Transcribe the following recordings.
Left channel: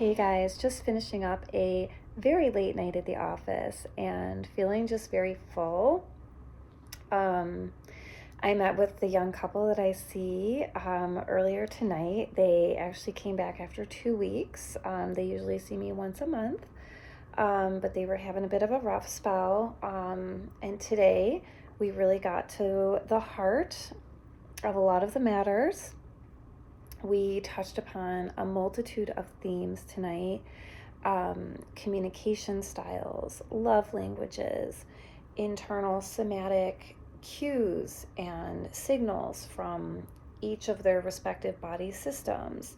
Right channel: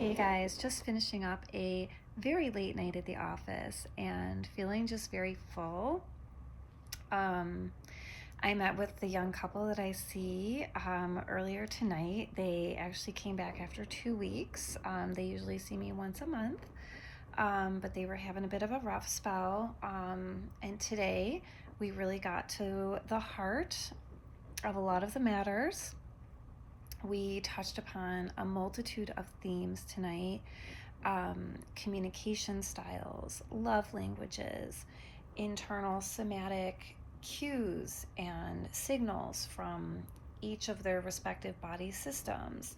Hey guys, just finishing up a very late night at the office and feeling just very full. Um, I met with the young couple that I see earlier tonight. They actually came back after 2 weeks. They usually see me once a month, but they were having a bit of a rough spell. And today we really got to the heart of a lot of the matters. We touched upon a multitude of themes tonight: communication styles, love languages, internal somatic cues and signals from each of their respective body systems,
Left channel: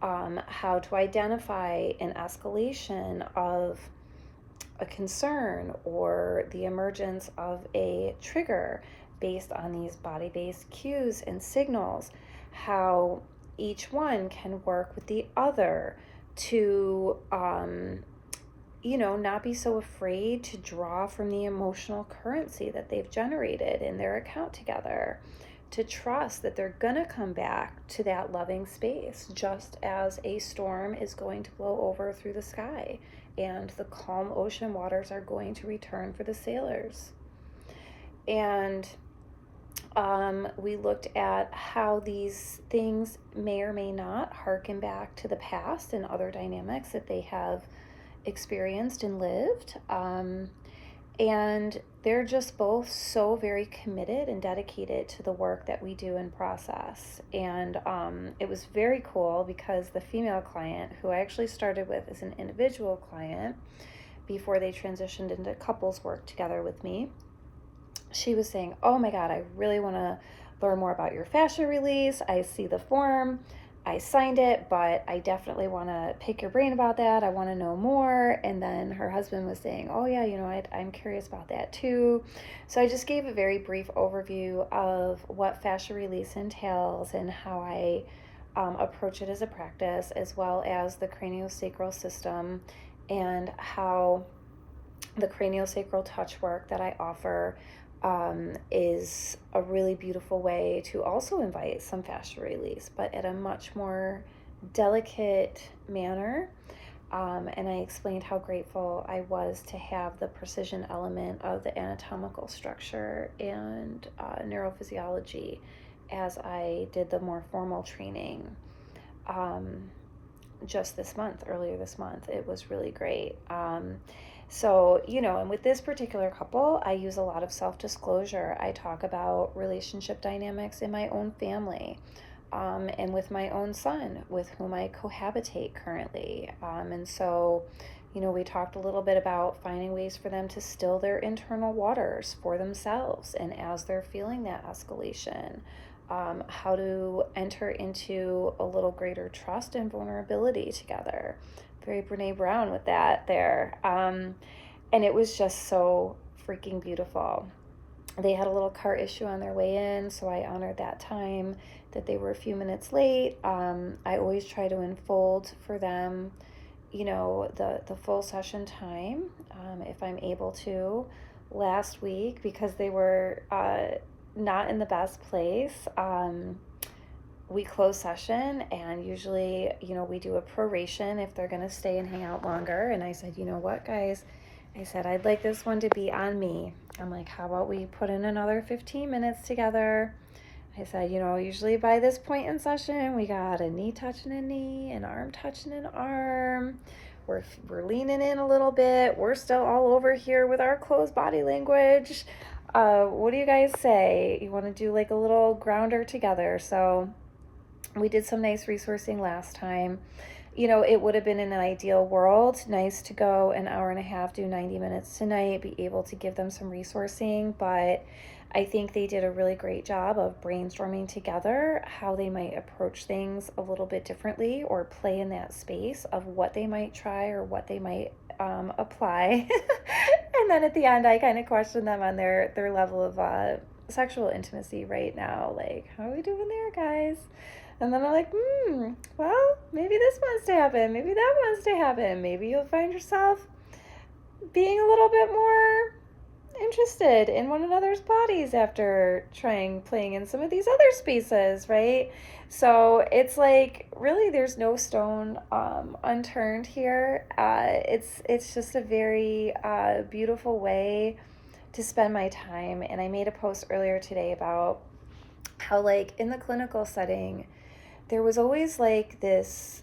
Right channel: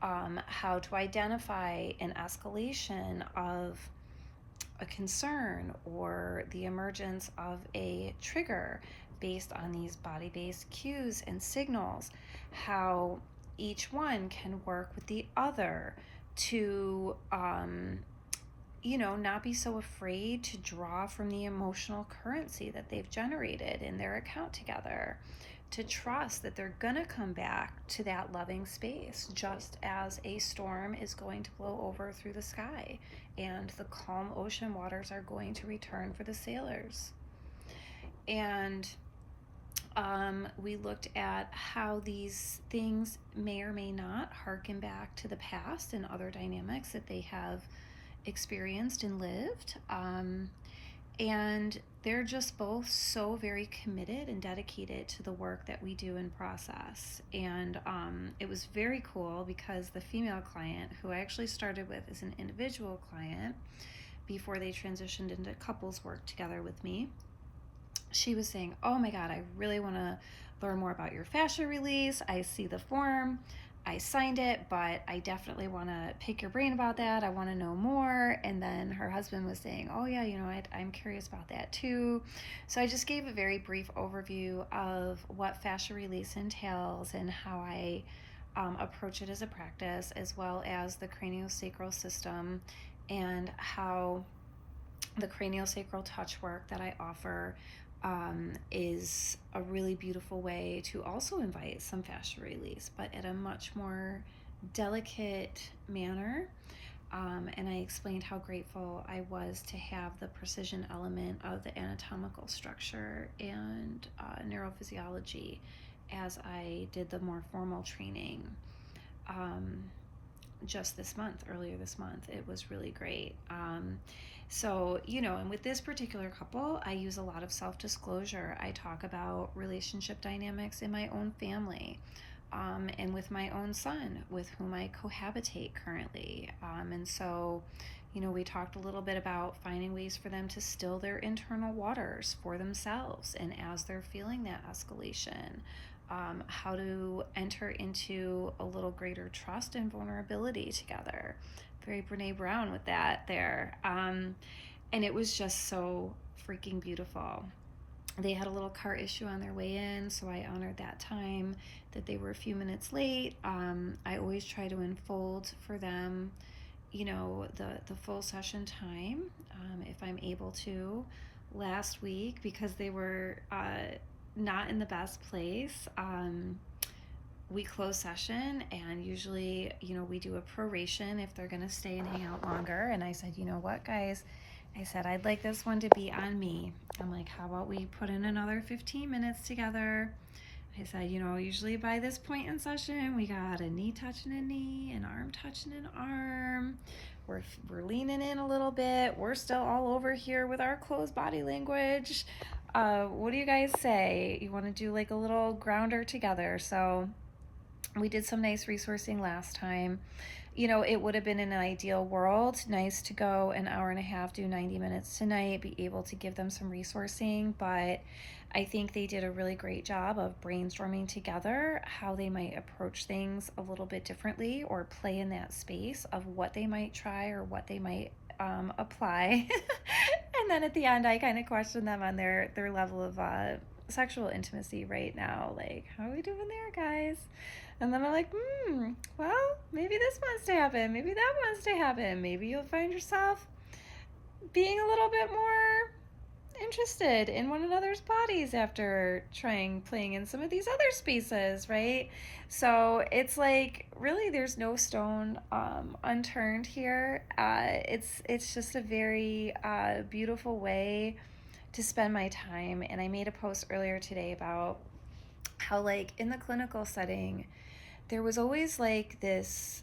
how to identify an escalation of a concern or the emergence of a trigger based on these body-based cues and signals, how each one can work with the other to not be so afraid to draw from the emotional currency that they've generated in their account together, to trust that they're gonna come back to that loving space, just as a storm is going to blow over through the sky and the calm ocean waters are going to return for the sailors. And we looked at how these things may or may not harken back to the past and other dynamics that they have experienced and lived. And they're just both so very committed and dedicated to the work that we do in process. And it was very cool because the female client, who I actually started with as an individual client before they transitioned into couples work together with me, she was saying, oh my God, I really want to learn more about your fascia release. I see the form, I signed it, but I definitely want to pick your brain about that. I want to know more. And then her husband was saying, oh yeah, I'm curious about that too. So I just gave a very brief overview of what fascia release entails and how I approach it as a practice, as well as the craniosacral system and how the craniosacral touch work that I offer is a really beautiful way to also invite some fascia release, but at a much more delicate manner. And I explained how grateful I was to have the precision element of the anatomical structure and neurophysiology as I did the more formal training just earlier this month. It was really great. So, and with this particular couple, I use a lot of self-disclosure. I talk about relationship dynamics in my own family, and with my own son, with whom I cohabitate currently. And so, we talked a little bit about finding ways for them to still their internal waters for themselves. And as they're feeling that escalation, how to enter into a little greater trust and vulnerability together. Very Brene Brown with that there. And it was just so freaking beautiful. They had a little car issue on their way in, so I honored that time that they were a few minutes late. I always try to unfold for them, the full session time, if I'm able to. Last week, because they were not in the best place, we close session, and usually, we do a proration if they're going to stay and hang out longer. And I said, you know what, guys? I said, I'd like this one to be on me. I'm like, how about we put in another 15 minutes together? I said, usually by this point in session, we got a knee touching a knee, an arm touching an arm. We're leaning in a little bit. We're still all over here with our closed body language. What do you guys say? You want to do like a little grounder together? So we did some nice resourcing last time. It would have been in an ideal world nice to go an hour and a half, do 90 minutes tonight, be able to give them some resourcing, but I think they did a really great job of brainstorming together how they might approach things a little bit differently, or play in that space of what they might try or what they might apply. And then at the end, I kind of questioned them on their level of sexual intimacy right now. Like, how are we doing there, guys? And then I'm like, well, maybe this wants to happen. Maybe that wants to happen. Maybe you'll find yourself being a little bit more interested in one another's bodies after playing in some of these other spaces, right? So it's like really there's no stone unturned here. It's just a very beautiful way to spend my time. And I made a post earlier today about how like in the clinical setting there was always like this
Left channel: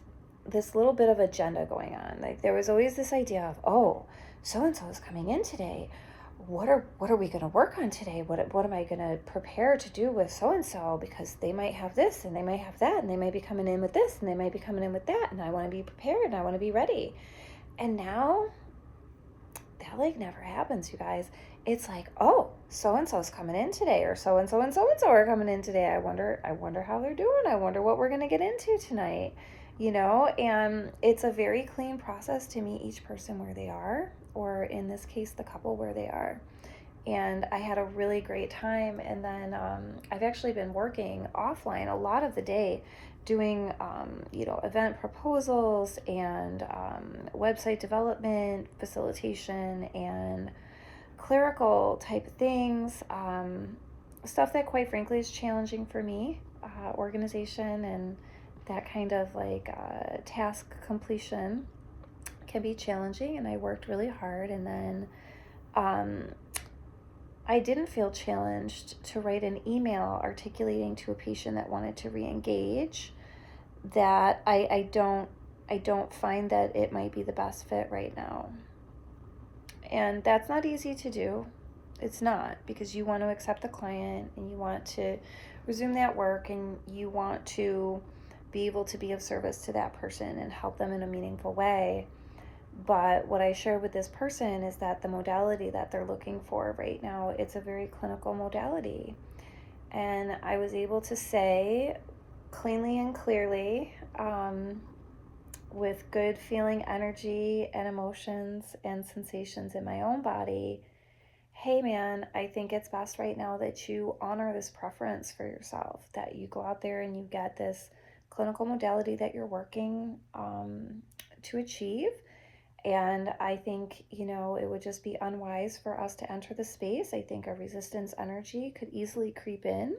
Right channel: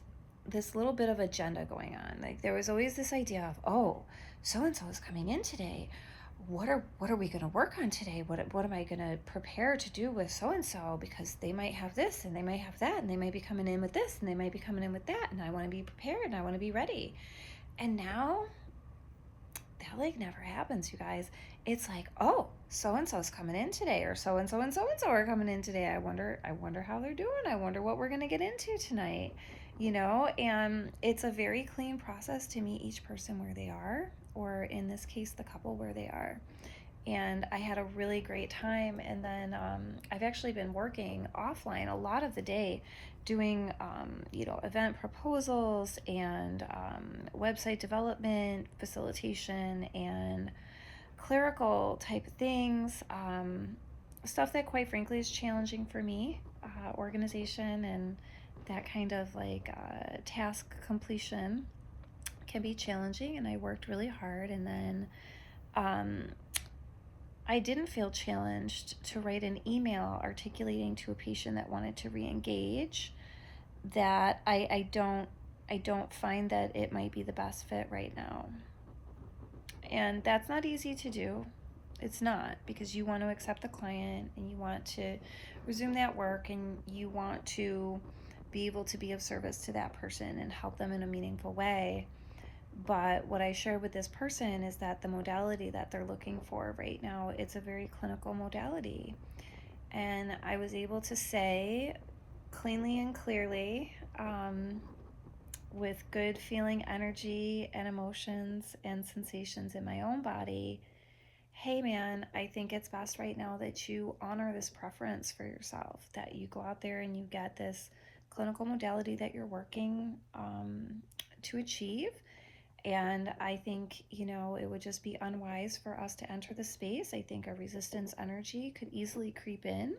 little bit of agenda going on. Like there was always this idea of, oh, so and so is coming in today. What are we going to work on today? What am I going to prepare to do with so and so, because they might have this and they might have that and they might be coming in with this and they might be coming in with that, and I want to be prepared and I want to be ready. And now that like never happens, you guys. It's like, oh, so and so's coming in today, or so and so and so and so are coming in today. I wonder how they're doing. I wonder what we're gonna get into tonight. And it's a very clean process to meet each person where they are, or in this case, the couple where they are. And I had a really great time. And then I've actually been working offline a lot of the day doing, event proposals and website development, facilitation, and clerical type things. Stuff that, quite frankly, is challenging for me, organization and that kind of like task completion can be challenging. And I worked really hard. And then um, I didn't feel challenged to write an email articulating to a patient that wanted to re-engage that I don't find that it might be the best fit right now. And that's not easy to do. It's not, because you want to accept the client and you want to resume that work and you want to be able to be of service to that person and help them in a meaningful way. But what I shared with this person is that the modality that they're looking for right now, it's a very clinical modality. And I was able to say cleanly and clearly, with good feeling energy and emotions and sensations in my own body, hey man, I think it's best right now that you honor this preference for yourself, that you go out there and you get this clinical modality that you're working to achieve. And I think, it would just be unwise for us to enter the space. I think a resistance energy could easily creep in,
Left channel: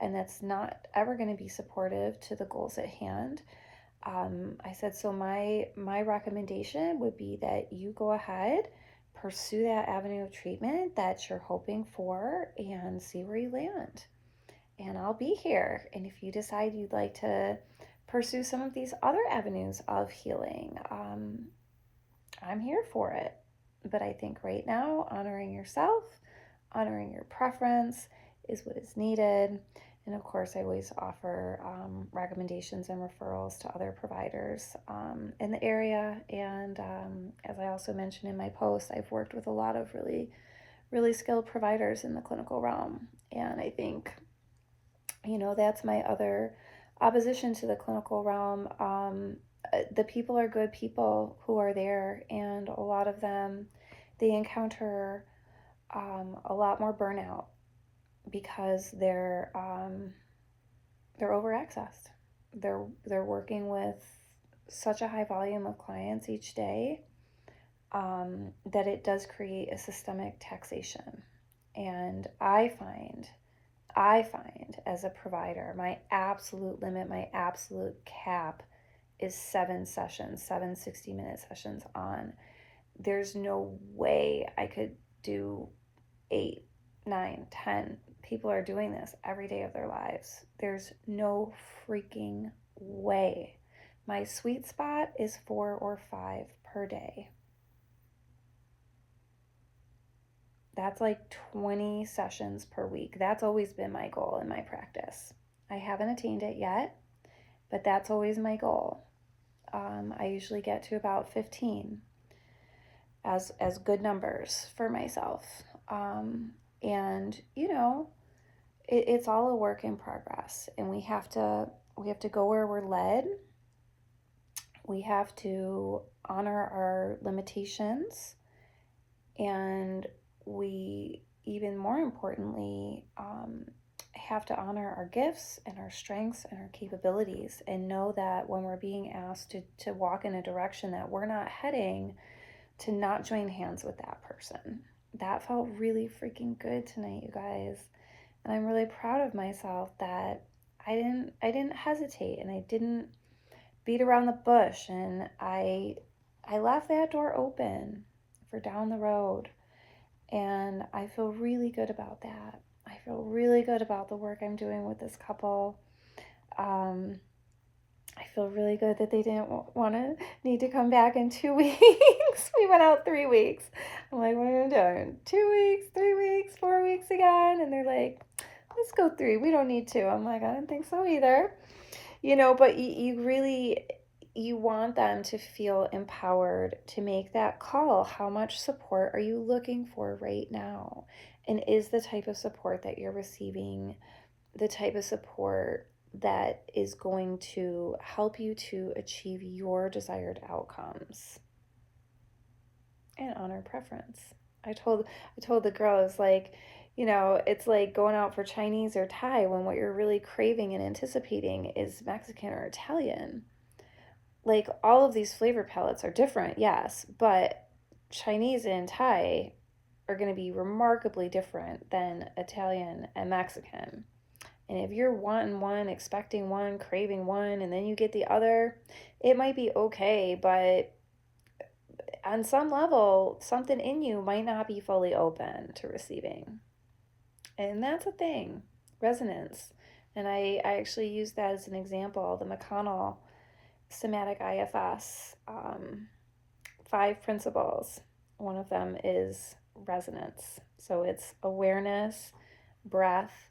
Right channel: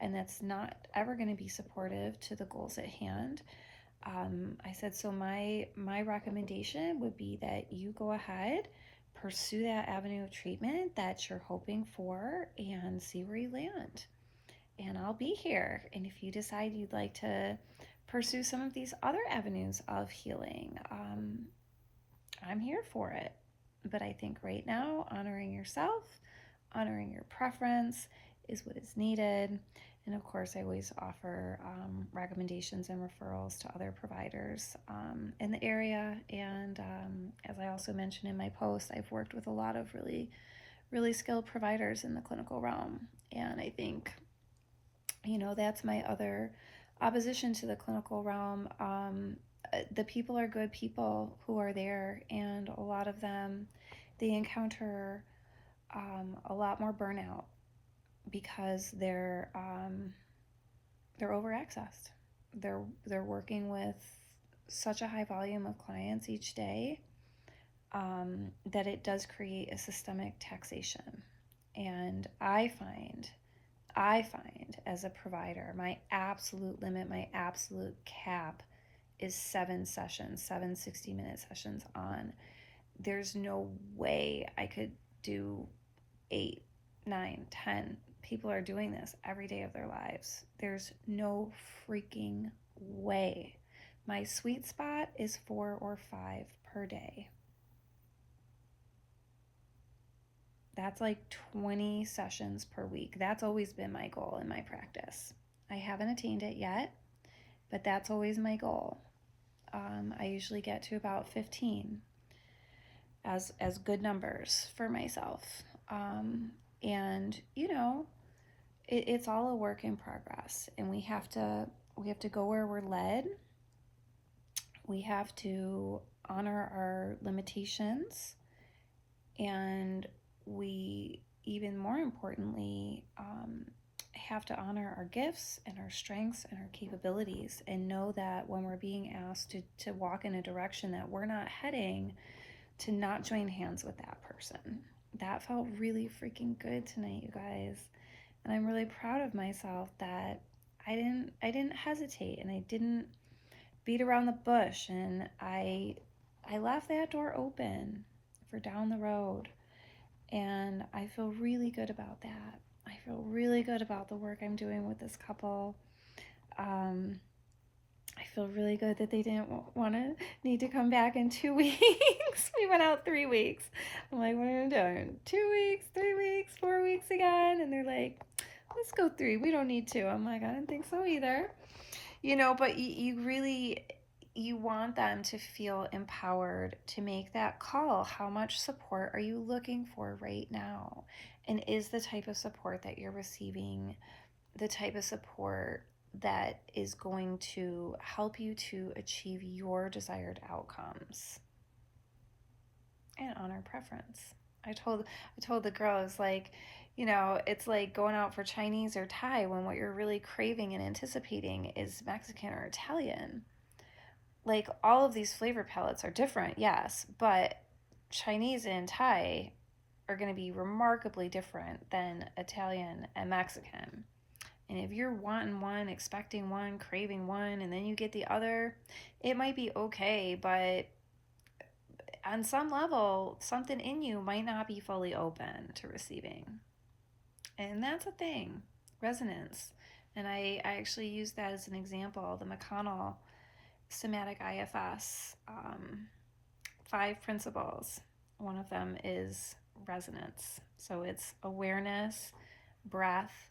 and that's not ever going to be supportive to the goals at hand. I said, so my recommendation would be that you go ahead, pursue that avenue of treatment that you're hoping for, and see where you land. And I'll be here. And if you decide you'd like to pursue some of these other avenues of healing, I'm here for it. But I think right now, honoring yourself, honoring your preference is what is needed. And of course, I always offer recommendations and referrals to other providers in the area. And as I also mentioned in my post, I've worked with a lot of really, really skilled providers in the clinical realm. And I think, that's my other opposition to the clinical realm. The people are good people who are there, and a lot of them, they encounter a lot more burnout because they're overaccessed. They're working with such a high volume of clients each day that it does create a systemic taxation. And I find as a provider, my absolute limit, my absolute cap is 7 sessions, 60-minute sessions on. There's no way I could do 8, 9, 10. People are doing this every day of their lives. There's no freaking way. My sweet spot is 4 or 5 per day. That's like 20 sessions per week. That's always been my goal in my practice. I haven't attained it yet, but that's always my goal. I usually get to about 15 as good numbers for myself. And it's all a work in progress, and we have to go where we're led. We have to honor our limitations, and we, even more importantly, have to honor our gifts and our strengths and our capabilities, and know that when we're being asked to walk in a direction that we're not heading, to not join hands with that person. That felt really freaking good tonight, you guys. And I'm really proud of myself that I didn't hesitate, and I didn't beat around the bush, and I left that door open for down the road. And I feel really good about that. I feel really good about the work I'm doing with this couple. Um, I feel really good that they didn't want to need to come back in 2 weeks. We went out 3 weeks. I'm like, what are we doing? 2 weeks, 3 weeks, 4 weeks again? And they're like, let's go 3. We don't need to. I'm like, I don't think so either. But you really, you want them to feel empowered to make that call. How much support are you looking for right now? And is the type of support that you're receiving the type of support that is going to help you to achieve your desired outcomes and honor preference? I told the girls, like, it's like going out for Chinese or Thai when what you're really craving and anticipating is Mexican or Italian. Like, all of these flavor palettes are different, yes, but Chinese and Thai are going to be remarkably different than Italian and Mexican. And if you're wanting one, expecting one, craving one, and then you get the other, it might be okay, but on some level, something in you might not be fully open to receiving. And that's a thing, resonance. And I actually use that as an example, the McConnell somatic IFS 5 principles. One of them is resonance. So it's awareness, breath,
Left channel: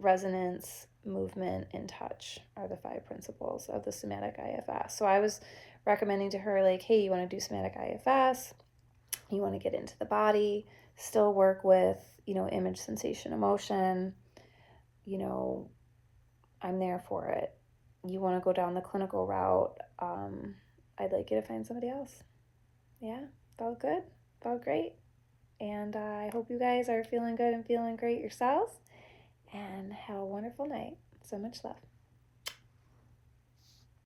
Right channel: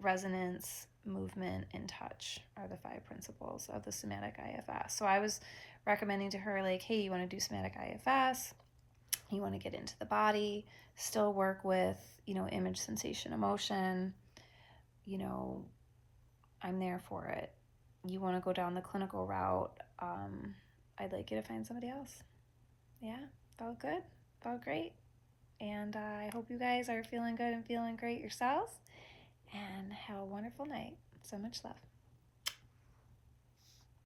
resonance, movement, and touch are the 5 principles of the somatic IFS. So I was recommending to her, like, hey, you want to do somatic IFS, you want to get into the body, still work with, image, sensation, emotion, I'm there for it. You want to go down the clinical route, I'd like you to find somebody else. Yeah, felt good, felt great. And I hope you guys are feeling good and feeling great yourselves. And have a wonderful night. So much love.